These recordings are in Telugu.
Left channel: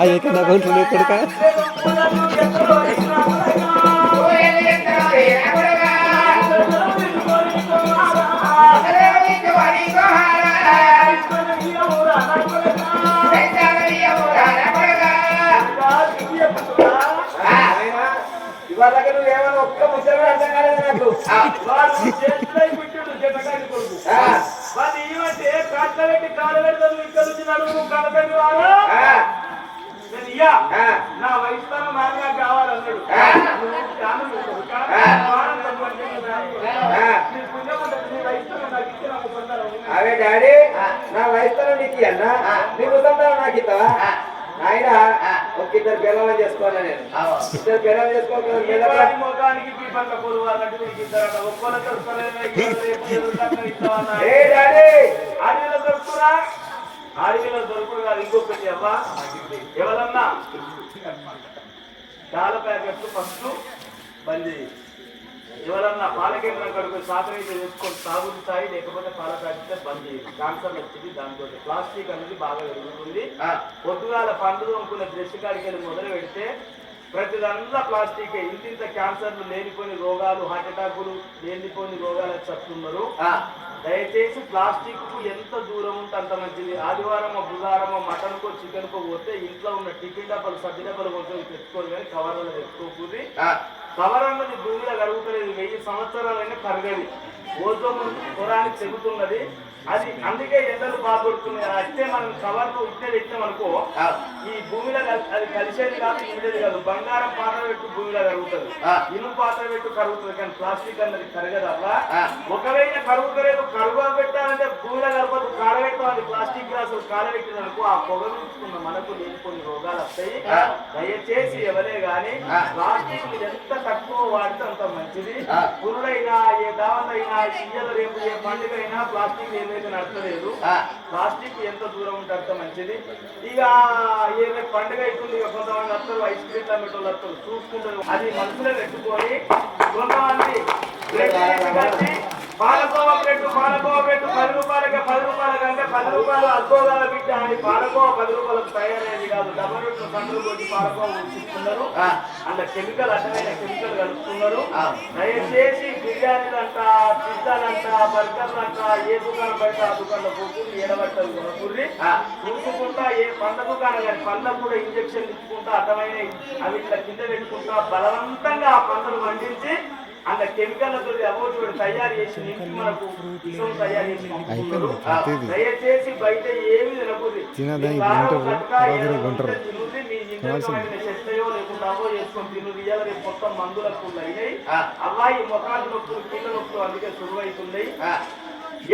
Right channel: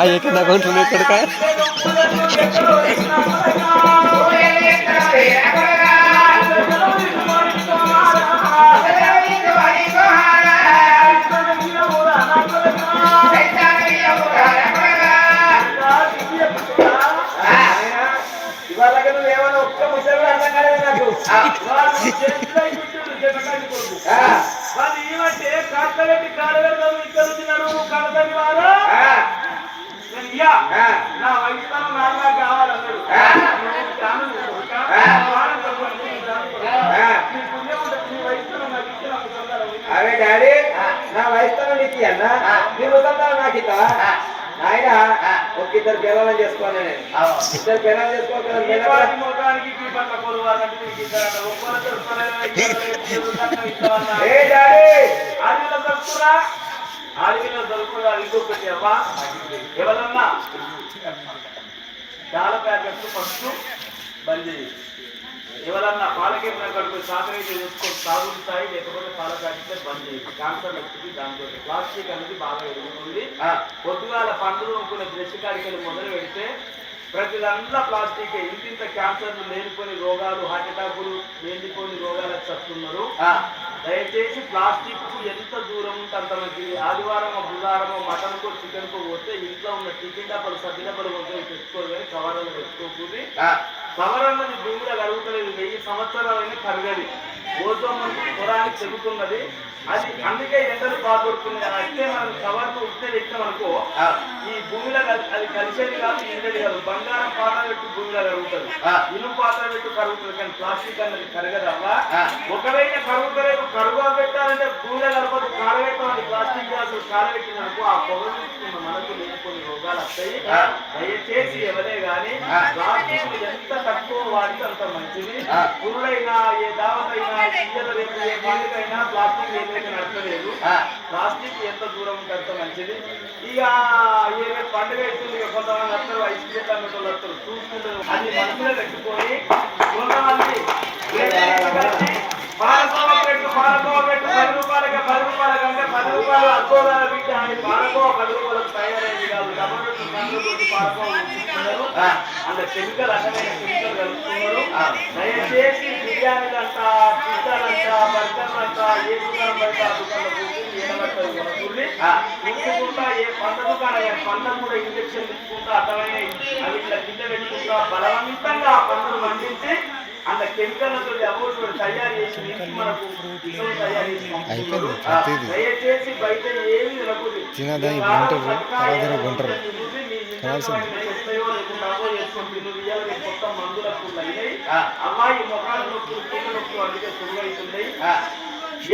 అది ఎక్కడ కొంటున్నాడు ఎక్కడికా ఇవాళ నువ్వు ఏమన్నా ఒక్క ముసలి అర్థం కాలేదు నాకు ఏమంటే కాడబెట్టి కాడబెట్టి ఇక్కడ వచ్చినాడు కడబెట్టి వాడు నా వయసులో నాలుగు కావాలన్నాడు అవే డాడీ నా వయసులో నీకు అన్నా నీ ముసలి నాకు ఇస్తావా ఆయన ఒక ఇద్దరు పిల్లలు చేసుకోవాలి నేను ఇద్దరు పిల్లలు చేసుకోవాలి అడవిలో దొరుకురా ఇంకొకటి అవ్వా ఎవరన్నా చాలా ప్యాకెట్లు ఫస్ట్ బంద్ ఎవరన్నా పాల కేంద్రం కడుపు సాకరైతే వేసుకొని తాగుడు స్థాయి లేకపోతే పాల ప్యాకెట్ బంద్ చేయాలి క్యాన్సర్ వచ్చింది దాంతో ప్లాస్టిక్ అనేది బాగా ఎదుగుతుంది పొద్దుగాల పండుగ అనుకునే బ్రష్ కాడికి మొదలు పెడితే ప్రతి దాంట్లో ప్లాస్టిక్ ఇంత క్యాన్సర్లు లేనిపోని రోగాలు హార్ట్ అటాకులు లేనిపోని రోగాలకు చస్తున్నారు దయచేసి ప్లాస్టిక్ కు ఎంత దూరం ఉంటే అంత మంచిది ఆదివారం బుధవారం మటన్ కో చికెన్ కో పోతే ఇంట్లో ఉన్న టిఫిన్ డబ్బలు సద్ది డబ్బలు కొంచెం తెచ్చుకోరు కానీ కవర్లు తెచ్చుకోకూడదు కవర్ అన్నది భూమిలో కరుగుతుంది 1000 సంవత్సరాలైనా కరగదు ఓజోన్ పొలానికి చెబుతున్నది అది అందుకే ఎండలు బాగుపడుతున్నాయి అంటే మనం కవర్కు ఇద్దరు ఇచ్చామనుకో ఈ భూమిలో అది కలిసేది కాదు ఎండది కాదు బంగారం పాత్ర పెట్టు భూమిలో కరుగుతుంది ఇనుము పాత్ర పెట్టు కరుగుతుంది కానీ ప్లాస్టిక్ అన్నది కరగదవ్వా ఒకవేళ కరుగుతలేదు కరుగు పెట్టాలంటే భూమిలో కలపదు కాలబెట్టాలి ప్లాస్టిక్ గ్లాసులు కాలబెట్టిననుకో ఆ పొగ తీసుకున్న మనకు లేని రోగాలు వస్తాయి దయచేసి ఎవరే గాని ప్లాస్టిక్ ఎంత తక్కువ వాడితే అంత మంచిది పురుడైనా ఏ దావతైనా సీజన్లు రేపు ఏ పండుగైనా ప్లాస్టిక్ నడపలేదు ప్లాస్టిక్ ఎంత దూరం ఉంటే అంత మంచిది ఇక ఏ పండుగ అవుతుంది కొంతమంది వస్తారు ఐస్ క్రీమ్ తగ్గటోళ్ళు వస్తారు చూసుకుంటారు అది మనసులో పెట్టుకొని కొంతమంది పాలకోవ పెట్టు 10 రూపాయలకి 10 రూపాయల కంటే 10 రూపాయలు అగ్గోగాల బిడ్డ అని పాలకోవ 10 రూపాయలకు తయారైంది కాదు డబ్బు పండ్లు కొట్టి పాలకోవ ఉంచుతున్నారు అంటే కెమికల్ అసలైన కెమికల్ కలుపుతున్నారు దయచేసి బిర్యానీలంట పిజ్జాలంట బర్గర్లంట ఏ దుకాణం పడితే ఆ దుకాణంలో కూర్చుని ఏడబట్టదు కొనుక్కుంది చూసుకుంటా ఏ పండ్ల దుకాణం కానీ పండ్లకు కూడా ఇంజక్షన్ ఇచ్చుకుంటా అర్థమైన అవి ఇట్లా కింద పెట్టుకుంటా బలవంతంగా ఆ పండ్లను మండించి అంత కెమికల్తో అమౌంట్ తయారు చేసి మనకు తయారు చేసి దయచేసి బయట ఏమి మొత్తం మందులకు అమ్మాయి ముఖాలు నొప్పులు కీళ్ళ నొప్పులు అందుకే సులువైతుంది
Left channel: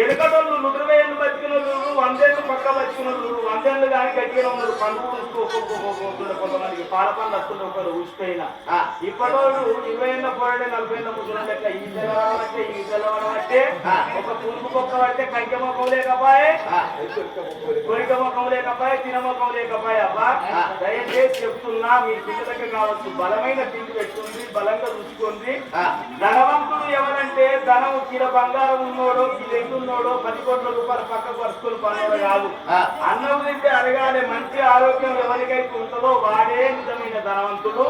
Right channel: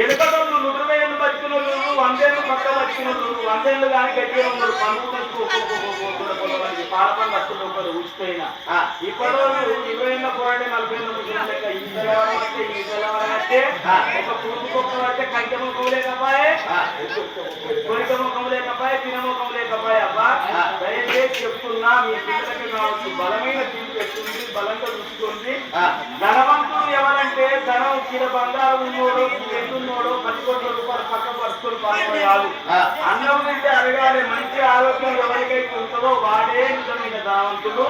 ఎలుకలు 120 ఏళ్ళు బతికిన వాళ్ళు 100 ఏళ్ళు పక్క బతికిన వాళ్ళు 100 ఏళ్ళు కానీ గట్టిగా ఉన్నారు కొంతమంది పాలపండు వస్తుంది ఒకరు ఊసిపోయిన ఇప్పటి 20 ఏళ్ళ పోరాడే 40 ఏళ్ళ ముగ్గురు ఈ అంటే ఒక పురుగు మొక్క పడితే కంచె మొక్కం లేకపోయే కొరిక మొక్కం లేకపోయే తిన మొక్కం లేకపోయే అబ్బా దయచేసి చెప్తున్నా మీ పిల్లలకి కావచ్చు బలమైన తిండి పెట్టుకుంది బలంగా చూసుకోండి ధనవంతుడు ఎవరంటే ధనం కిల బంగారం ఉన్నోడు ఉన్నోడు 10 కోట్ల రూపాయలు పక్క పరుచుకొని పాలన కాదు అన్నం తింటే అడగాలి మంచి ఆరోగ్యం ఎవరికైతే ఉంటుందో వాడే నిజమైన ధనవంతుడు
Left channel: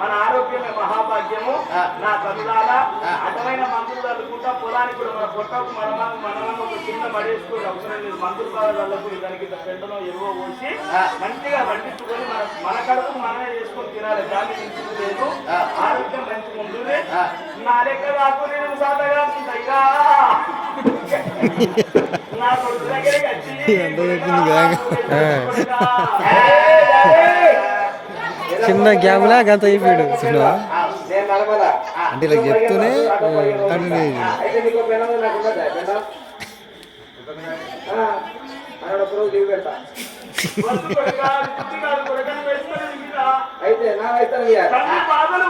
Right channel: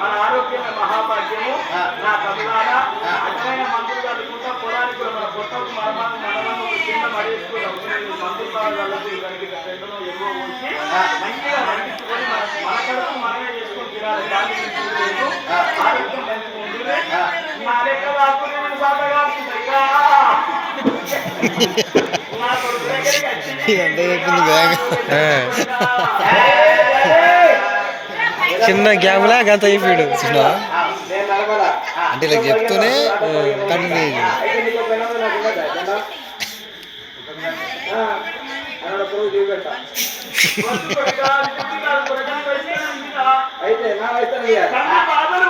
మన ఆరోగ్యమే మహాభాగ్యము నా కవిదాల అసలైన మందులు కలుపుకుంటా పొలానికి మన పొట్టకు మనమని ఒక చిన్న పడేసుకుని అవసరం మందులు వాళ్ళకు దానికి పెంటలో ఎరువు పోసి మంచిగా పండించుకొని మన కడుపు మనమే చేసుకొని తినాలి దాన్ని లేదు ఆరోగ్యం మంచిగా ఉంటుంది నా లెక్క కాకు నేను సాధగా చిన్న గ్యాప్లా గంత అయిపోయాడు చిన్న అంటే ఇలా చెప్తూనే కంటిన్యూ అక్కడ పురుగు దిగు పెడతా. వద్దు కొడుకా, అది బుద్ధి కాదు కొడుకా, వేస్తాను ఇంకా. అయితే నా వైద్యం కన్ను బాధలు